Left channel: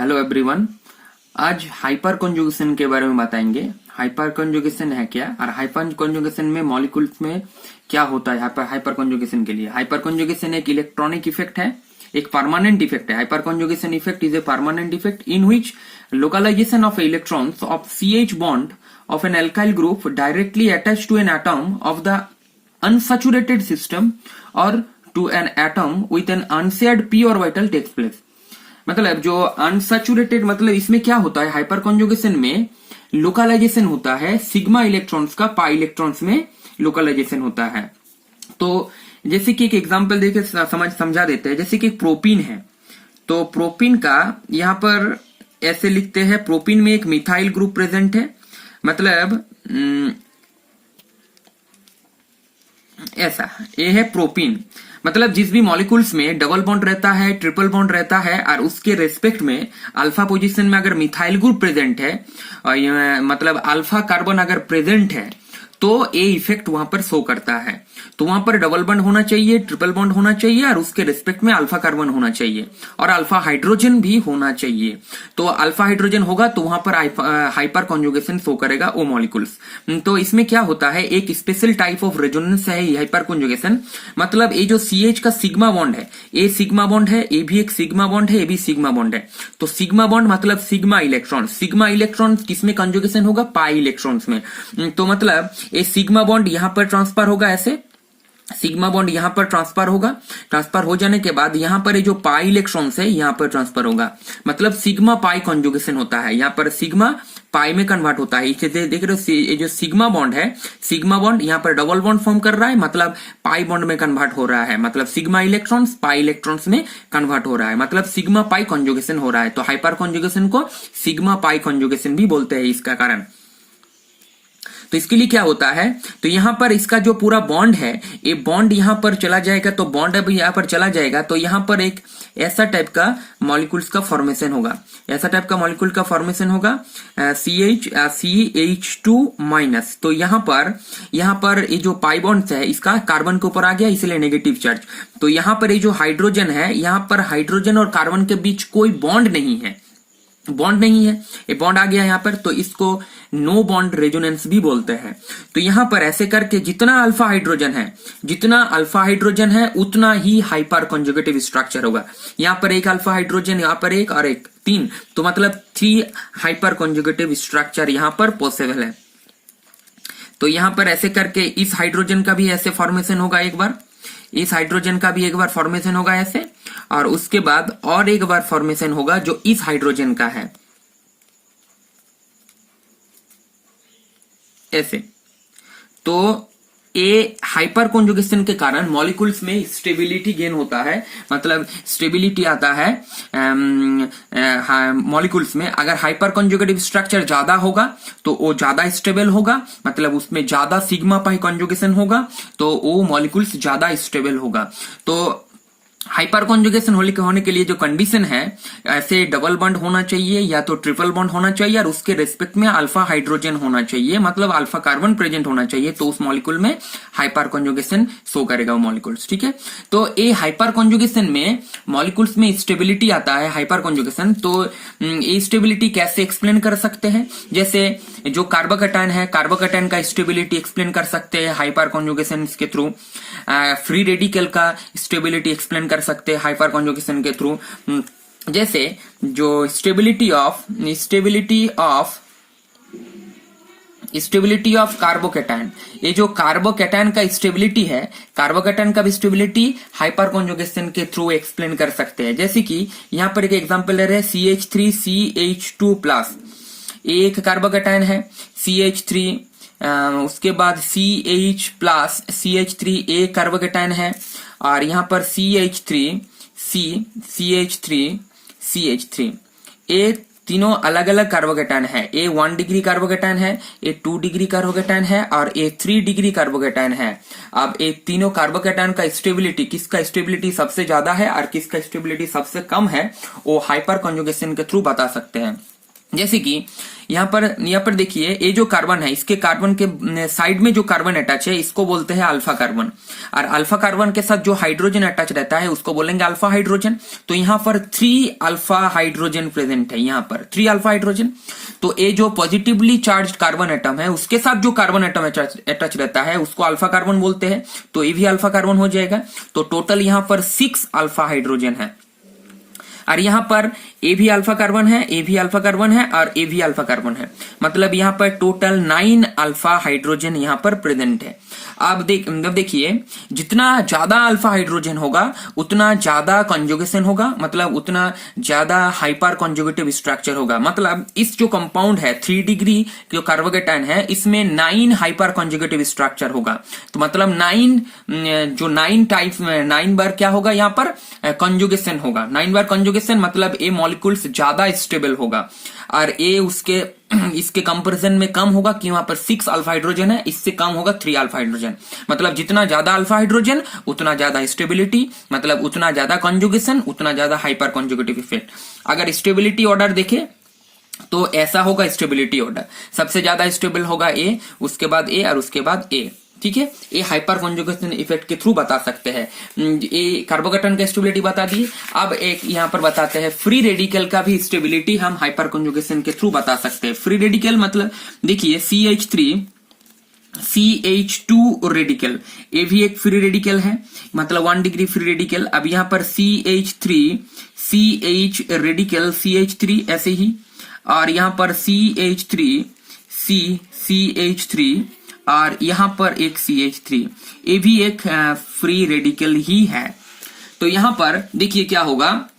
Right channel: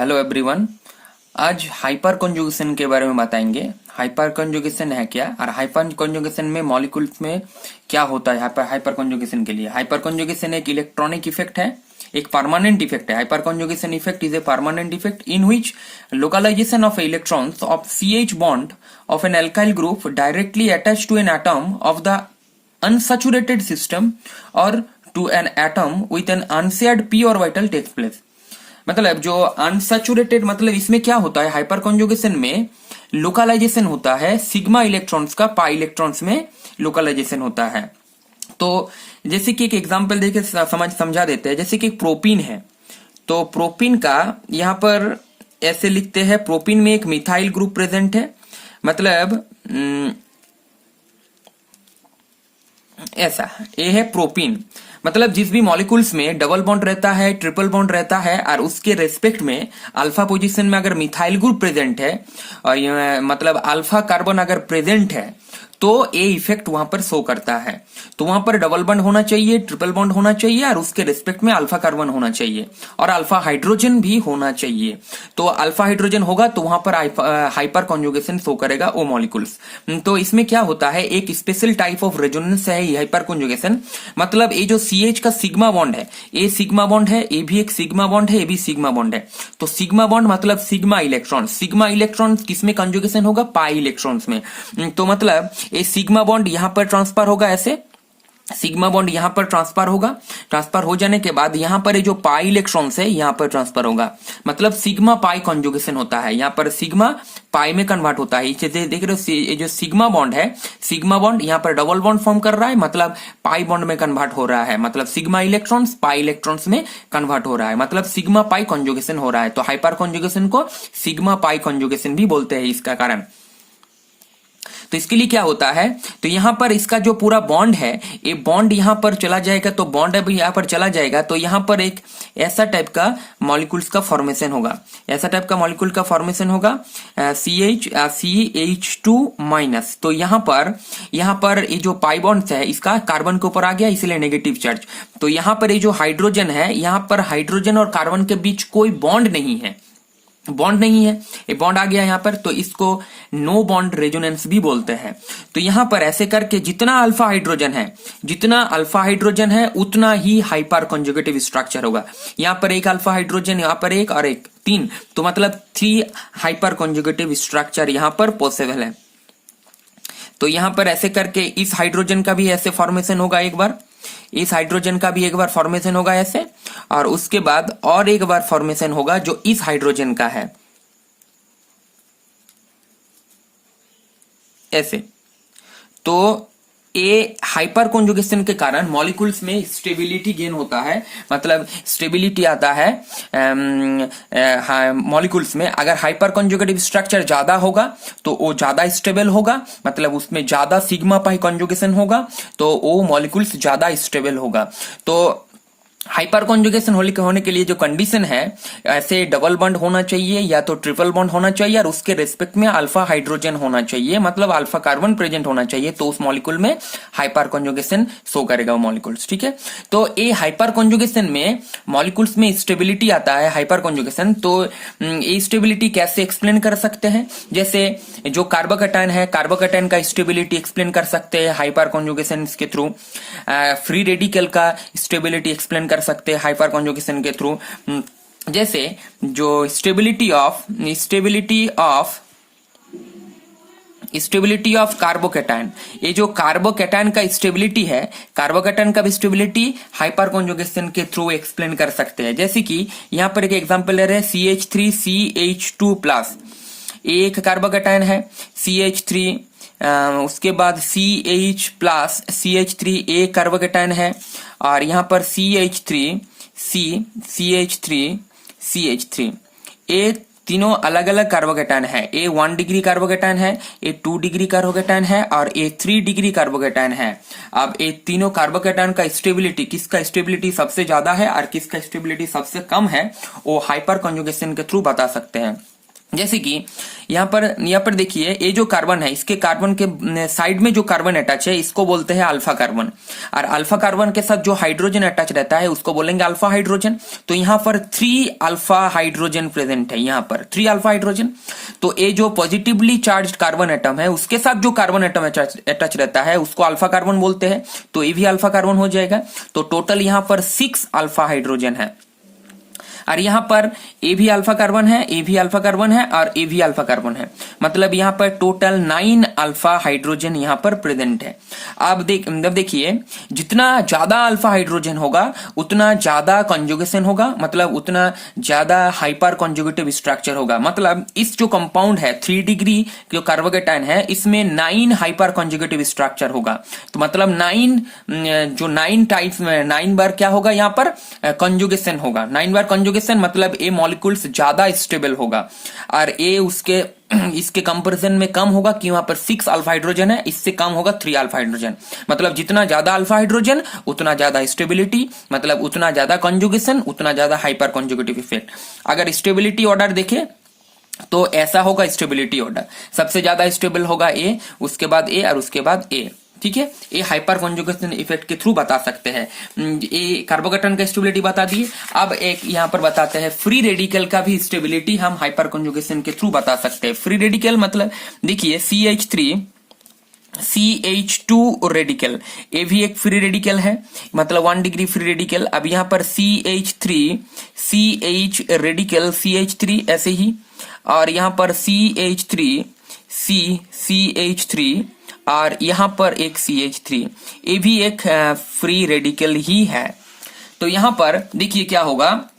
Hello everyone. आज hyper conjugation के बारे में बताएंगे। हाइपर कॉन्जुगेशन है क्या और हाइपर कॉन्जुगेशन में मॉलिक्यूल्स में क्या होता है। हाइपर कॉन्जुगेशन के लिए हाइपर कॉन्जुगेशन एक इलेक्ट्रॉनिक इफेक्ट है, एक परमानेंट इफेक्ट है। Hyperconjugation effect is a permanent effect in which localisation of electrons of CH bond of an alkyl group directly attached to an atom of the unsaturated system or to an atom with an unshared p orbital takes place। मतलब जो unsaturated, मतलब इसमें क्या होता है, hyper conjugation में localisation होता है सिग्मा इलेक्ट्रॉन्स का पाई इलेक्ट्रॉन्स में लोकलाइजेशन होता है। तो जैसे कि एक एग्जांपल देके समझा देते हैं। जैसे कि प्रोपीन है, तो प्रोपीन का यहाँ पर ऐसे लिखते हैं, प्रोपीन में एक मिथाइल ग्रुप प्रेजेंट है। मतलब ऐसा ये है प्रोपीन। मतलब जिस भी मॉलिक्यूल्स में डबल बॉन्ड रहता है, ट्रिपल बॉन्ड रहता है और उसके रेस्पेक्ट में अल्फा पोजीशन में अगर मिथाइल ग्रुप प्रेजेंट है और मतलब अल्फा कार्बन अगर प्रेजेंट है तो ये इफेक्ट वहां पर शो करता है। तो वहां पर डबल बॉन्ड होना चाहिए, ट्रिपल बॉन्ड होना चाहिए और उसके रिस्पेक्ट में अल्फा कार्बन होना चाहिए और अल्फा हाइड्रोजन भी होना चाहिए। तो अल्फा हाइड्रोजन होगा तो वहां पर हाइपर कॉन्जुगेशन शो करेगा वो मॉलिक्यूल्स। तो इसमें क्या होता है, एक स्पेशल टाइप ऑफ रेजोनेंस है ये हाइपर कॉन्जुगेशन। मतलब ये जो CH का सिग्मा बॉन्ड है, ये सिग्मा बॉन्ड है, ये भी एक सिग्मा बॉन्ड है, ये भी सिग्मा बॉन्ड है। तो सिग्मा बॉन्ड मतलब सिग्मा इलेक्ट्रॉन। सिग्मा इलेक्ट्रॉन किसमें कॉन्जुगेशन होगा, पाई इलेक्ट्रॉन्स में। तो मतलब ये सिग्मा बॉन्ड यहां पर ट्रांसफर होगा, ऐसे सिग्मा बॉन्ड यहां पर ट्रांसफर होगा। ट्रांसफर हो जाने के बाद यहां पर ये जो पाई इलेक्ट्रॉन्स है यहां पर ट्रांसफर होगा। मतलब सिग्मा पाई कॉन्जुगेशन होता है, यहां पर सिग्मा पाई में कन्वर्ट होता है। इसे देख रहे हो, ये जो सिग्मा बॉन्ड है, सिग्मा बॉन्ड यहां पर डबल बॉन्ड फॉर्म कर रहा है, मतलब पाई बॉन्ड में कन्वर्ट हो रहा है। मतलब सिग्मा इलेक्ट्रॉन्स पाई इलेक्ट्रॉन्स में कन्वर्ट हो रहा है, मतलब सिग्मा पाई कॉन्जुगेशन हो रहा है। तो हाइपर कॉन्जुगेशन को सिग्मा पाई कॉन्जुगेशन भी बोलते हैं इसका कारण। तो इसके लिए क्या होता है, तो यहां पर इसका जो पूरा बॉन्ड है, ये बॉन्ड यहां पर चला जाएगा। तो बॉन्ड अभी यहां पर चला जाएगा तो यहां पर एक ऐसा टाइप का मॉलिक्यूल्स का फॉर्मेशन होगा, ऐसा टाइप का मॉलिक्यूल का फॉर्मेशन होगा CH2 माइनस। तो यहां पर ये जो पाई बॉन्ड है इसका कार्बन के ऊपर आ गया, इसलिए नेगेटिव चार्ज। तो यहां पर ये जो हाइड्रोजन है, यहां पर हाइड्रोजन और कार्बन के बीच कोई बॉन्ड नहीं है, बॉन्ड नहीं है, ये बॉन्ड आ गया यहां पर। तो इसको नो बॉन्ड रेजोनेंस भी बोलते हैं। तो यहां पर ऐसे करके जितना अल्फा हाइड्रोजन है उतना ही हाइपर कॉन्जुगेटिव स्ट्रक्चर होगा। यहां पर एक अल्फा हाइड्रोजन, यहां पर एक और एक, 3। तो मतलब 3 हाइपर कॉन्जुगेटिव स्ट्रक्चर यहां पर पॉसिबल है। तो यहां पर ऐसे करके इस हाइड्रोजन का भी ऐसे फॉर्मेशन होगा एक बार, इस हाइड्रोजन का भी एक बार फॉर्मेशन होगा ऐसे, और उसके बाद और एक बार फॉर्मेशन होगा जो इस हाइड्रोजन का है ऐसे। तो ये हाइपर कॉन्जुगेशन के कारण मॉलिक्यूल्स में स्टेबिलिटी गेन होता है, मतलब स्टेबिलिटी आता है मॉलिक्यूल्स में। अगर हाइपर कॉन्जुगेटिव स्ट्रक्चर ज्यादा होगा तो वो ज्यादा स्टेबल होगा, मतलब उसमें ज्यादा सिग्मा पाई कॉन्जुगेशन होगा तो वो मॉलिक्यूल्स ज्यादा स्टेबल होगा। तो हाइपर कॉन्जुगेशन होने के लिए जो कंडीशन है, ऐसे डबल बॉन्ड होना चाहिए या तो ट्रिपल बॉन्ड होना चाहिए और उसके रिस्पेक्ट में अल्फा हाइड्रोजन होना चाहिए, मतलब अल्फा कार्बन प्रेजेंट होना चाहिए। तो उस मॉलिक्यूल में हाइपर कॉन्जुगेशन शो करेगा वो मॉलिक्यूल्स, ठीक है। तो ये हाइपर कॉन्जुगेशन में मॉलिक्यूल्स में स्टेबिलिटी आता है, हाइपर कॉन्जुगेशन। तो ये स्टेबिलिटी कैसे एक्सप्लेन कर सकते हैं, जैसे जो कार्बोकैटायन है, कार्बोकैटायन का स्टेबिलिटी एक्सप्लेन कर सकते हैं हाइपर कॉन्जुगेशन के थ्रू। फ्री रेडिकल का स्टेबिलिटी एक्सप्लेन कर सकते हैं हाइपर कॉन्जुगेशन के थ्रू। जैसे जो स्टेबिलिटी ऑफ कार्बोकैटायन, ये जो कार्बोकैटायन का स्टेबिलिटी है, कार्बोकैटायन का भी स्टेबिलिटी हाइपर कॉन्जुगेशन के थ्रू एक्सप्लेन कर सकते हैं। जैसे कि यहां पर एक एग्जांपल ले रहे हैं CH3CH2+, एक कार्बोकैटायन है CH3, उसके बाद CH+CH3 एक कार्बोकैटायन है, और यहां पर CH3 ये तीनों अलग अलग कार्बोकैटायन है। ए 1 डिग्री कार्बोकैटायन है, ए 2 डिग्री कार्बोकैटायन है और ए 3 डिग्री कार्बोकैटायन है। अब ये तीनों कार्बोकैटायन का स्टेबिलिटी, किसका स्टेबिलिटी सबसे ज्यादा है और किसका स्टेबिलिटी सबसे कम है, वो हाइपर कॉन्जुगेशन के थ्रू बता सकते हैं। जैसे कि यहाँ पर देखिए, ये जो कार्बन है, इसके कार्बन के साइड में जो कार्बन अटैच है इसको बोलते हैं अल्फा कार्बन, और अल्फा कार्बन के साथ जो हाइड्रोजन अटैच रहता है उसको बोलेंगे अल्फा हाइड्रोजन। तो यहाँ पर 3 अल्फा हाइड्रोजन प्रेजेंट है, यहाँ पर 3 अल्फा हाइड्रोजन। तो ये जो पॉजिटिवली चार्ज कार्बन एटम है उसके साथ जो कार्बन एटम अटैच रहता है उसको अल्फा कार्बन बोलते हैं, तो ये भी अल्फा कार्बन हो जाएगा। तो टोटल यहाँ पर 6 अल्फा हाइड्रोजन है, और यहाँ पर ए भी अल्फा कार्बन है, ए भी अल्फा कार्बन है, और ए भी अल्फा कार्बन है। मतलब यहाँ पर टोटल 9 अल्फा हाइड्रोजन यहाँ पर प्रेजेंट है। अब देखिए, जितना ज्यादा अल्फा हाइड्रोजन होगा उतना ज्यादा कॉन्जुगेशन होगा, मतलब उतना ज्यादा हाइपर कॉन्जुगेटिव स्ट्रक्चर होगा। मतलब इस जो कंपाउंड है 3 डिग्री जो कार्बोकेटाइन है इसमें 9 हाइपर कॉन्जुगेटिव स्ट्रक्चर होगा। तो मतलब 9 टाइप 9 बार क्या होगा, यहाँ पर कॉन्जुगेशन होगा। 9 बार कॉन्जुगेशन मतलब ए मॉलिक्यूल्स ज्यादा स्टेबल होगा, और ए उसके इसके कंपैरिजन में कम होगा कि वहां पर 6 अल्फा हाइड्रोजन है, इससे कम होगा 3 अल्फा हाइड्रोजन। मतलब जितना ज्यादा अल्फा हाइड्रोजन उतना ज्यादा स्टेबिलिटी, मतलब उतना ज्यादा कॉन्जुगेशन, उतना ज्यादा हाइपर कॉन्जुगेटिव इफेक्ट। अगर स्टेबिलिटी ऑर्डर देखें तो ऐसा होगा स्टेबिलिटी ऑर्डर, सबसे ज्यादा स्टेबल होगा ए, उसके बाद ए, और उसके बाद ए। ठीक है, ये हाइपर कॉन्जुगेशन इफेक्ट के थ्रू बता सकते हैं। ये कार्बोकेटन का स्टेबिलिटी बता दिए। अब एक यहाँ पर बताते हैं फ्री रेडिकल का भी स्टेबिलिटी हम हाइपर कॉन्जुगेशन के थ्रू बता सकते हैं। फ्री रेडिकल मतलब देखिए CH2 रेडिकल, ये भी एक फ्री रेडिकल है, मतलब 1 डिग्री फ्री रेडिकल। अब यहाँ पर CH रेडिकल CH3 ऐसे ही, और यहाँ पर CH3 और यहाँ पर एक CH3, ये भी एक फ्री रेडिकल ही है। तो यहाँ पर देखिए क्या होगा,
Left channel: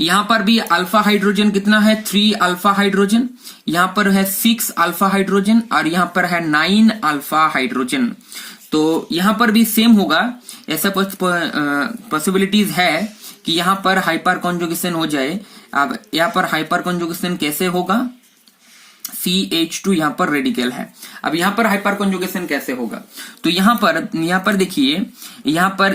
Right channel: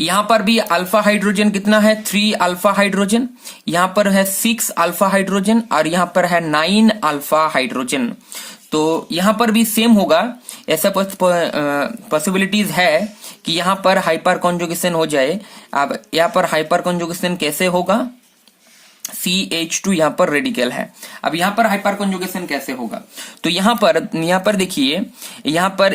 यहाँ पर भी अल्फा हाइड्रोजन कितना है, 3 अल्फा हाइड्रोजन, यहाँ पर है 6 अल्फा हाइड्रोजन, और यहाँ पर है 9 अल्फा हाइड्रोजन। तो यहाँ पर भी सेम होगा, ऐसा पॉसिबिलिटीज है कि यहाँ पर हाइपर कॉन्जुगेशन हो जाए। अब यहाँ पर हाइपर कॉन्जुगेशन कैसे होगा, CH2 यहाँ पर रेडिकल है। अब यहाँ पर हाइपर कॉन्जुगेशन कैसे होगा, तो यहाँ पर देखिए, यहाँ पर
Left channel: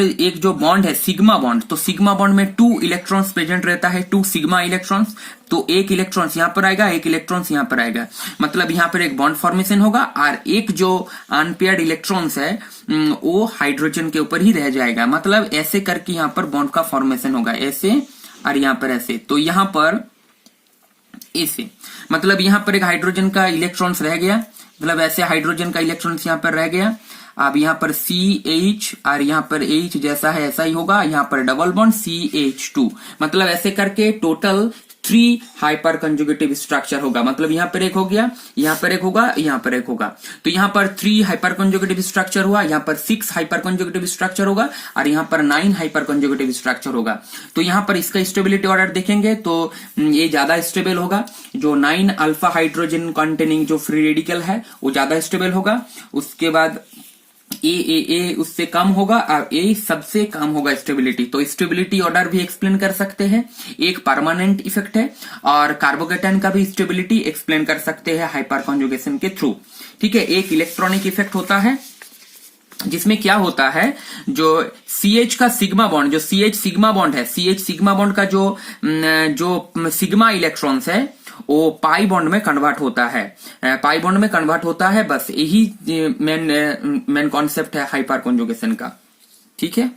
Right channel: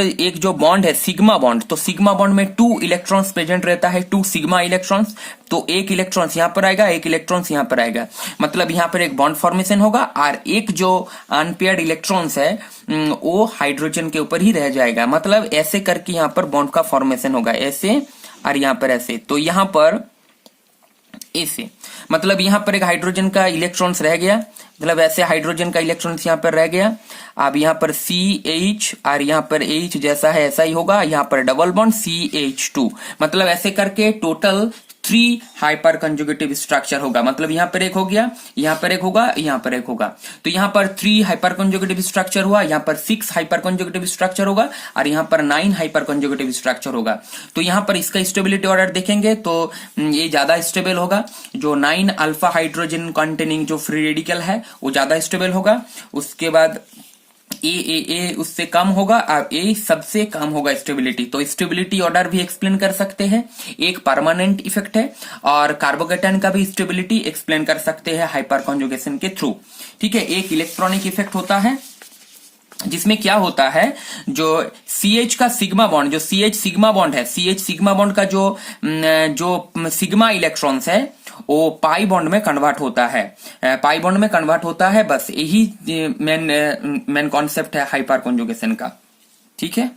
एक जो बॉन्ड है सिग्मा बॉन्ड, तो सिग्मा बॉन्ड में 2 इलेक्ट्रॉन्स प्रेजेंट रहता है, 2 सिग्मा इलेक्ट्रॉन्स। तो एक इलेक्ट्रॉन्स यहाँ पर आएगा, एक इलेक्ट्रॉन्स यहाँ पर आएगा, मतलब यहाँ पर एक बॉन्ड फॉर्मेशन होगा, और एक जो अनपेयर्ड इलेक्ट्रॉन्स है वो हाइड्रोजन के ऊपर ही रह जाएगा। मतलब ऐसे करके यहाँ पर बॉन्ड का फॉर्मेशन होगा, ऐसे और यहाँ पर ऐसे। तो यहाँ पर ऐसे, मतलब यहाँ पर एक हाइड्रोजन का इलेक्ट्रॉन्स रह गया, मतलब ऐसे हाइड्रोजन का इलेक्ट्रॉन्स यहाँ पर रह गया। अब यहाँ पर CH और यहाँ पर H जैसा है ऐसा ही होगा, यहाँ पर डबल बॉन्ड CH2, मतलब ऐसे करके टोटल 3 हाइपर कंजुगेटिव स्ट्रक्चर होगा। मतलब यहाँ पर एक हो गया, यहाँ पर एक होगा, यहाँ पर एक होगा। तो यहाँ पर 3 हाइपर कंजुगेटिव स्ट्रक्चर हुआ, यहाँ पर 6 हाइपर कंजुगेटिव स्ट्रक्चर होगा, और यहाँ पर 9 हाइपर कंजुगेटिव स्ट्रक्चर होगा। तो यहाँ पर इसका स्टेबिलिटी ऑर्डर देखेंगे तो ये ज्यादा स्टेबल होगा। जो 9 अल्फा हाइड्रोजन कंटेनिंग जो फ्री रेडिकल है वो ज्यादा स्टेबल होगा। उसके बाद ए उससे कम होगा, और ए सबसे कम होगा स्टेबिलिटी। तो स्टेबिलिटी ऑर्डर भी एक्सप्लेन कर सकते हैं, एक परमानेंट इफेक्ट है, और कार्बोकेटाइन का भी स्टेबिलिटी एक्सप्लेन कर सकते हैं हाइपर कॉन्जुगेशन के थ्रू। ठीक है, एक इलेक्ट्रॉनिक इफेक्ट होता है जिसमें क्या होता है, जो CH का सिग्मा बॉन्ड, जो CH सिग्मा बॉन्ड है, CH सिग्मा बॉन्ड का जो सिग्मा इलेक्ट्रॉन्स है वो पाई बॉन्ड में कन्वर्ट होता है, पाई बॉन्ड में कन्वर्ट होता है। बस यही मेन कॉन्सेप्ट है हाइपर कॉन्जुगेशन का। ठीक है।